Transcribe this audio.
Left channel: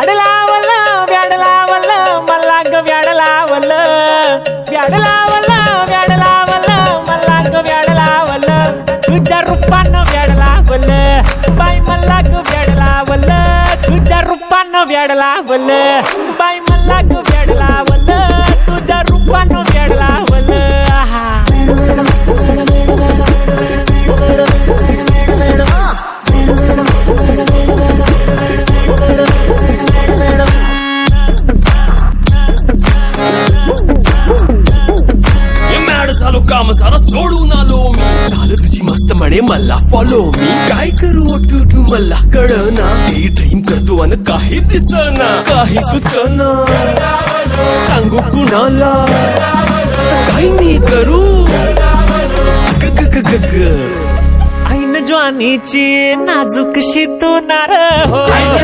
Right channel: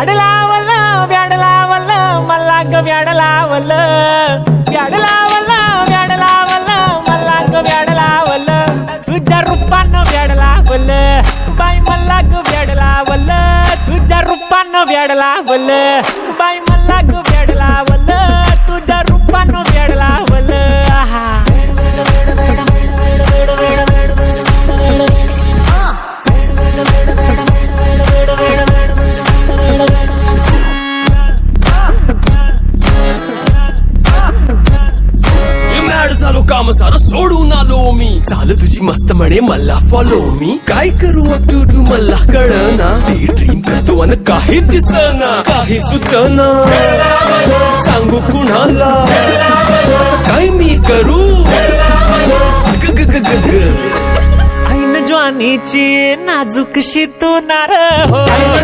व्याड लावलं व्याड लावलं मला ग व्याड लावलं व्याड लावलं व्याड लावलं मला ग व्याड लावलं तुझ्या रूपानं व्याड लावलं बाई मला ग व्याड लावलं तुझ्या रूपानं व्याड लावलं बाई मला ग व्याड लावलं तुझ्या रूपानं व्याड लावलं आहा झालो काम सारा सोडून आलो मी झालं तुझी मस्त म्हणे मला फॉलो मी काय करू तू मला कळना ती ड्रीम करतो आणि काही दिसना काही सुचना सांगू कुणाला आता काय मी करू ऐन ज्वानीची नाजूकशी तू नार हो